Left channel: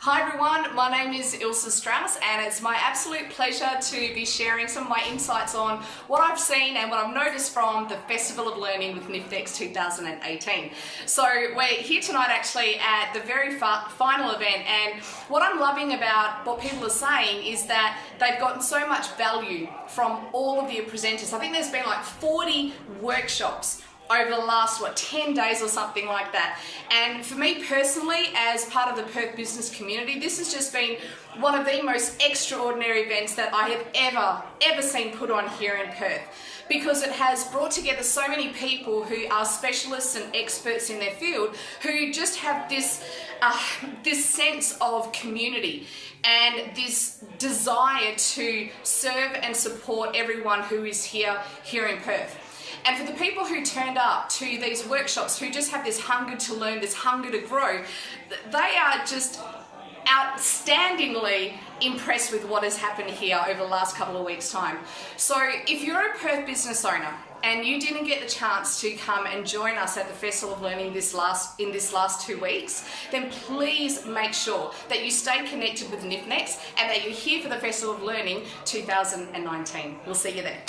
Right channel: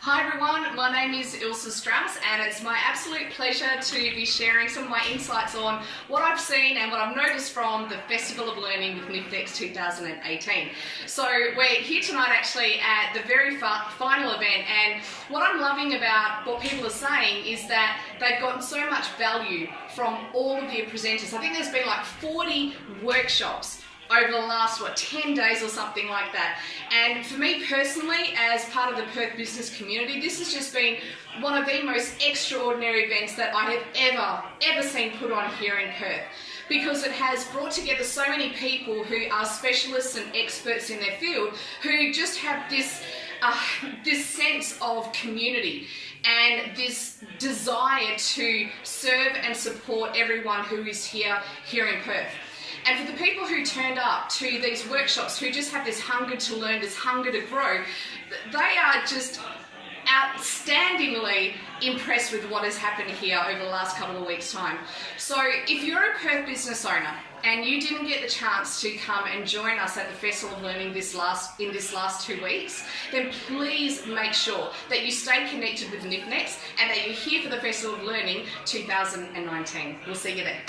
Hi everyone, my name is Ilse Strauss and it's my absolute pleasure to be sharing some of my insights on what I've seen and what I've noticed from the Festival of Learning with Nifnex 2018. So we're here tonight actually at the very final event, and what I'm loving about what people are saying is that they've gotten so much value from all of the presenters. I think there's been like 40 workshops over the last, 10 days or something like that. And for me personally, as part of the Perth business community, this has just been one of the most extraordinary events that I have ever seen put on here in Perth, because it has brought together so many people who are specialists and experts in their field, who just have this sense of community and this desire to serve and support everyone who is here in Perth. And for the people who turned up to these workshops, who just have this hunger to learn, this hunger to grow, they are just outstandingly impressed with what has happened here over the last couple of weeks' time. So if you're a Perth business owner and you didn't get the chance to come and join us at the Festival of Learning in this last 2 weeks, then please make sure that you stay connected with Nifnex and that you're here for the Festival of Learning 2019. We'll see you there.